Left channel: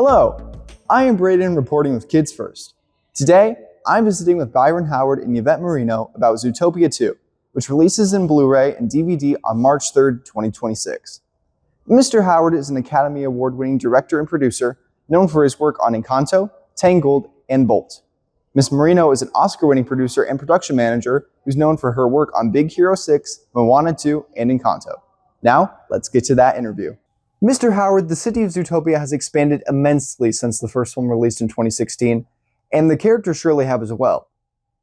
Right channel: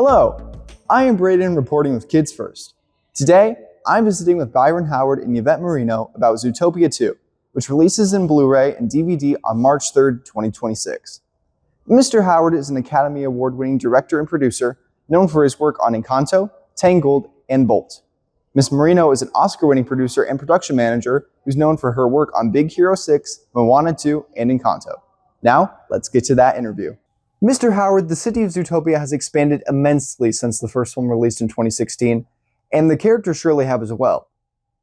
Hello, I am Braedyn reporting with Kids First. Today, I'm visiting with Byron Howard and Yvett Merino about Zootopia 2, which releases in Blu-ray and DVD on March 3rd, 2026. Mr. Howard is an Academy Award-winning director and producer known for his work on Encanto, Tangled, and Bolt. Ms. Merino is an Oscar-winning producer and production manager who's known for her work on Big Hero 6, Moana 2, and Encanto. Now, let's get to that interview. Mr. Howard, the city of Zootopia has expanded immensely since the first film released in 2016, and the characters surely have as well.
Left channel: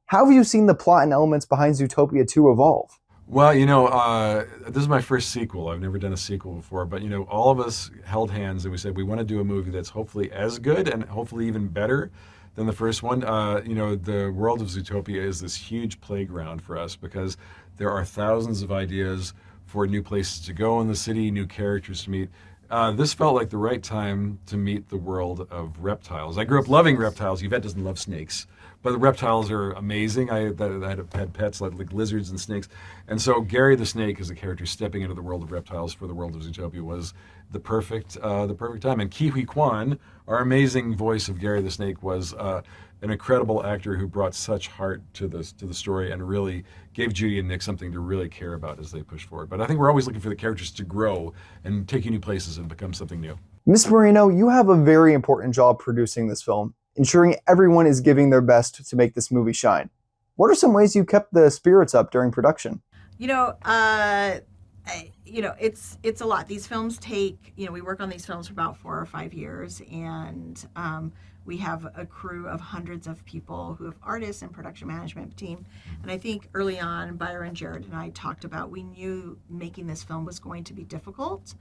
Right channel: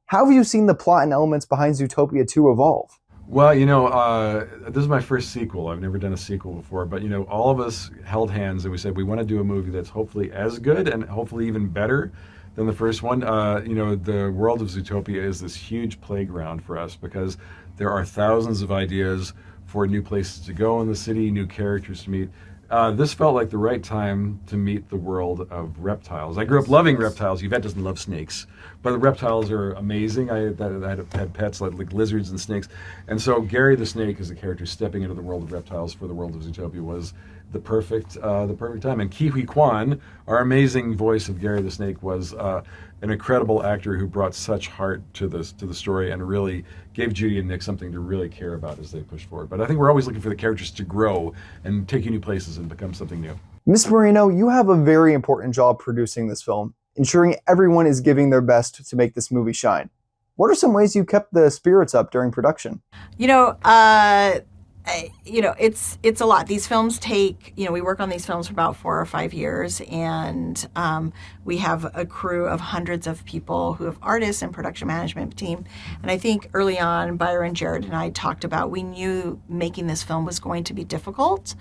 How have you seen the plot and elements behind Zootopia 2 evolve? Well, this is my first sequel. I've never done a sequel before, but all of us held hands and we said we want to do a movie that's hopefully as good and hopefully even better than the first one. The world of Zootopia is this huge playground for us because there are thousands of ideas for new places to go in the city, new characters to meet. This felt like the right time to meet the world of reptiles. I grew up loving reptiles. Yvette doesn't love snakes, but the reptiles are amazing. I had pets like lizards and snakes. And so Gary the Snake as a character stepping into the world of reptiles for the world of Zootopia was the perfect time. And Huy Quan, our amazing voice of Gary the Snake, was an incredible actor who brought such heart to the story and really gave Judy and Nick something to really care about as they push forward. But I think we're always looking for the characters to grow and take you new places and become something new. Ms. Merino, you have a very important job producing this film, ensuring everyone is giving their best to make this movie shine. What are some ways you kept the spirits up during production? It's a lot. These films take, we work on these films for about 4 or 5 years, and we have a crew of hundreds of people who have artists and production management team. And I think early on, Byron, Jared, and I talked about, we knew making this film was going to be difficult,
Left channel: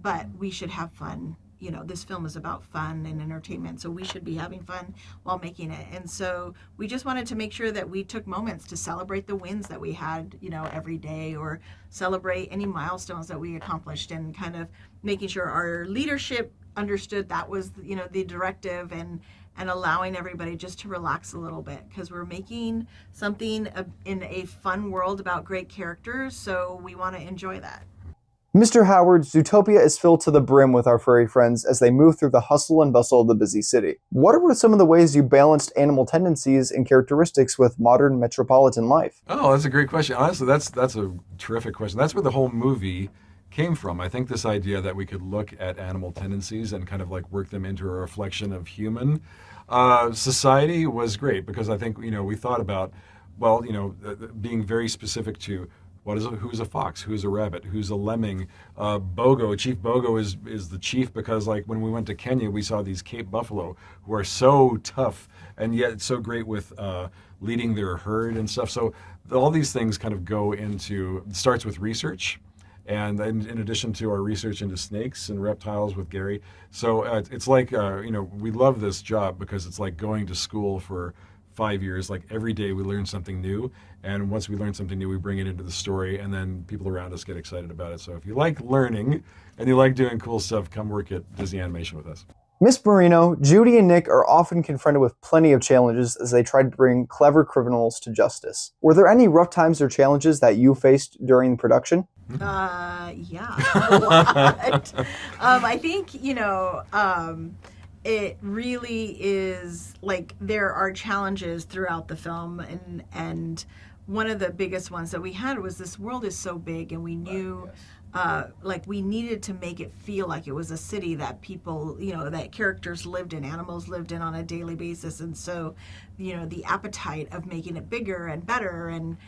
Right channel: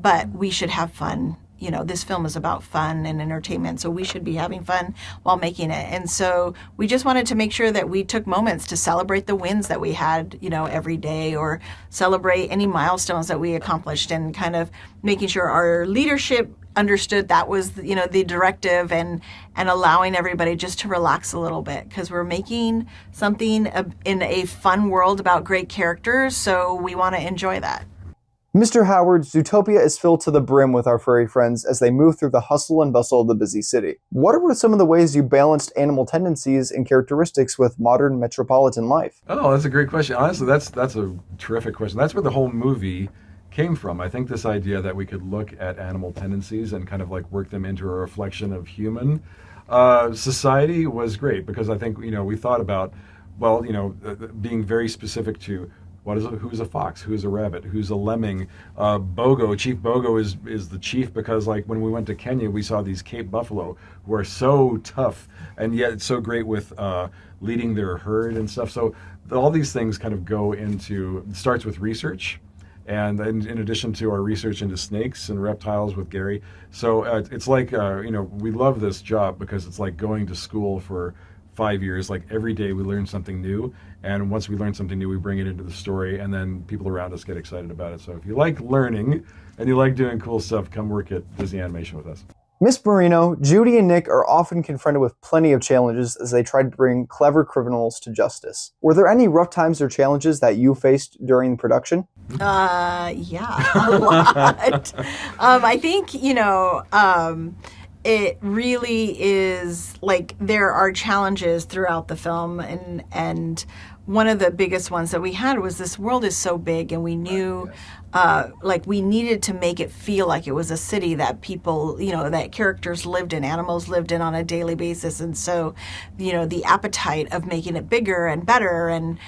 but we should have fun. This film is about fun and entertainment, so we should be having fun while making it. And so we just wanted to make sure that we took moments to celebrate the wins that we had, every day, or celebrate any milestones that we accomplished, and kind of making sure our leadership understood that was, the directive, and allowing everybody just to relax a little bit, because we're making something in a fun world about great characters, so we want to enjoy that. Mr. Howard, Zootopia is filled to the brim with our furry friends as they move through the hustle and bustle of the busy city. What were some of the ways you balanced animal tendencies and characteristics with modern metropolitan life? Oh, that's a great question. Honestly, that's a terrific question. That's where the whole movie came from. I think this idea that we could look at animal tendencies and kind of like work them into a reflection of human society was great, because I think, we thought about, being very specific to who's a fox, who's a rabbit, who's a lemming. Chief Bogo is the chief because, like, when we went to Kenya, we saw these Cape buffalo who are so tough and yet so great with leading their herd and stuff. So all these things kind of starts with research, and then in addition to our research into snakes and reptiles with Gary. So it's like, we love this job because it's like going to school for 5 years. Like every day we learn something new, and once we learn something new, we bring it into the story, and then people around us get excited about it. So if you like learning and you like doing cool stuff, come work at Disney Animation with us. Ms. Merino, Judy and Nick are often confronted with plenty of challenges as they try to bring clever criminals to justice. Were there any rough times or challenges that you faced during production? Yeah, a lot. I think, it really is like there are challenges throughout the film, and one of the biggest ones that we had was this world is so big, and we knew we needed to make it feel like it was a city that people, that characters lived in, animals lived in on a daily basis. And so, the appetite of making it bigger and better and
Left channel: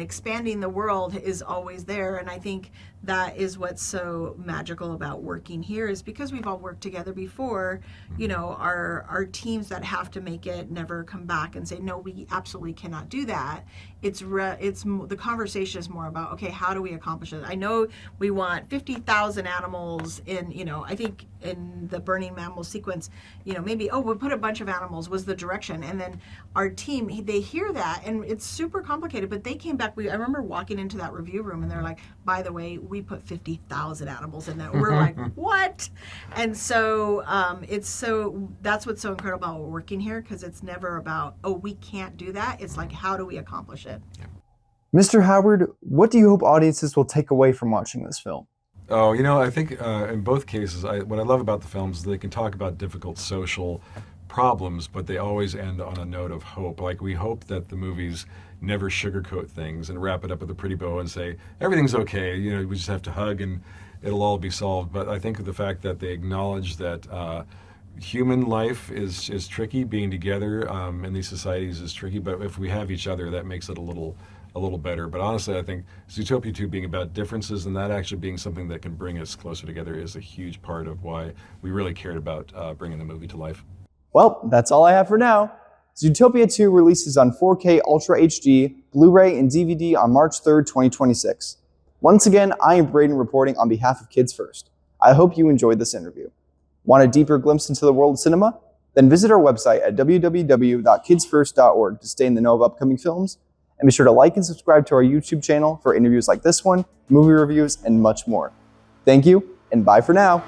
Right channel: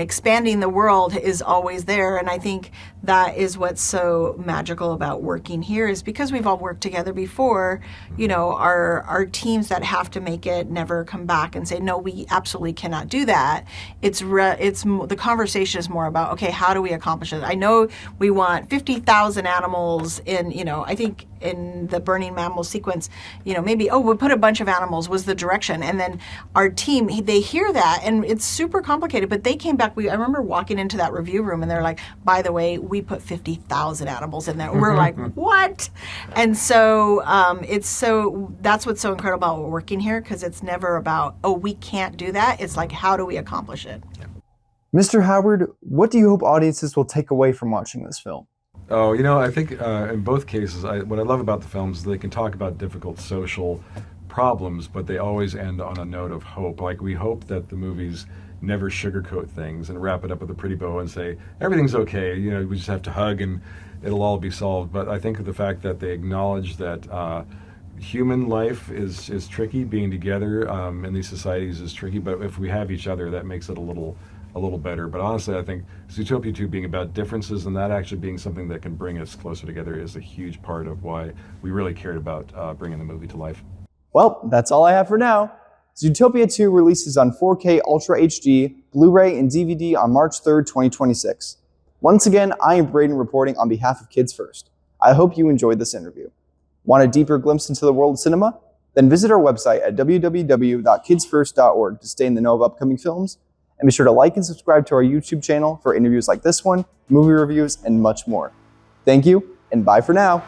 expanding the world is always there. And I think that is what's so magical about working here, is because we've all worked together before, our teams that have to make it never come back and say, no, we absolutely cannot do that. The conversation is more about, okay, how do we accomplish it? I know we want 50,000 animals in, I think in the burning mammal sequence, maybe, we'll put a bunch of animals was the direction. And then our team, they hear that, and it's super complicated, but they came back. I remember walking into that review room, and they're like, by the way, we put 50,000 animals in there. We're like, what? And so that's what's so incredible about working here, because it's never about, we can't do that. It's like, how do we accomplish it? Mr. Howard, what do you hope audiences will take away from watching this film? Oh, I think in both cases, what I love about the films is they can talk about difficult social problems, but they always end on a note of hope. Like, we hope that the movies never sugarcoat things and wrap it up with a pretty bow and say, everything's okay, we just have to hug and it'll all be solved. But I think the fact that they acknowledge that human life is tricky, being together in these societies is tricky, but if we have each other, that makes it a little better. But honestly, I think Zootopia 2 being about differences and that actually being something that can bring us closer together is a huge part of why we really cared about bringing the movie to life. Well, that's all I have for now. Zootopia 2 releases on 4K Ultra HD, Blu-ray, and DVD on March 3rd, 2026. Once again, I am Braedyn reporting on behalf of Kids First. I hope you enjoyed this interview. Want a deeper glimpse into the world of cinema? Then visit our website at www.kidsfirst.org to stay in the know of upcoming films, and be sure to like and subscribe to our YouTube channel for interviews like this one, movie reviews, and much more. Thank you, and bye for now.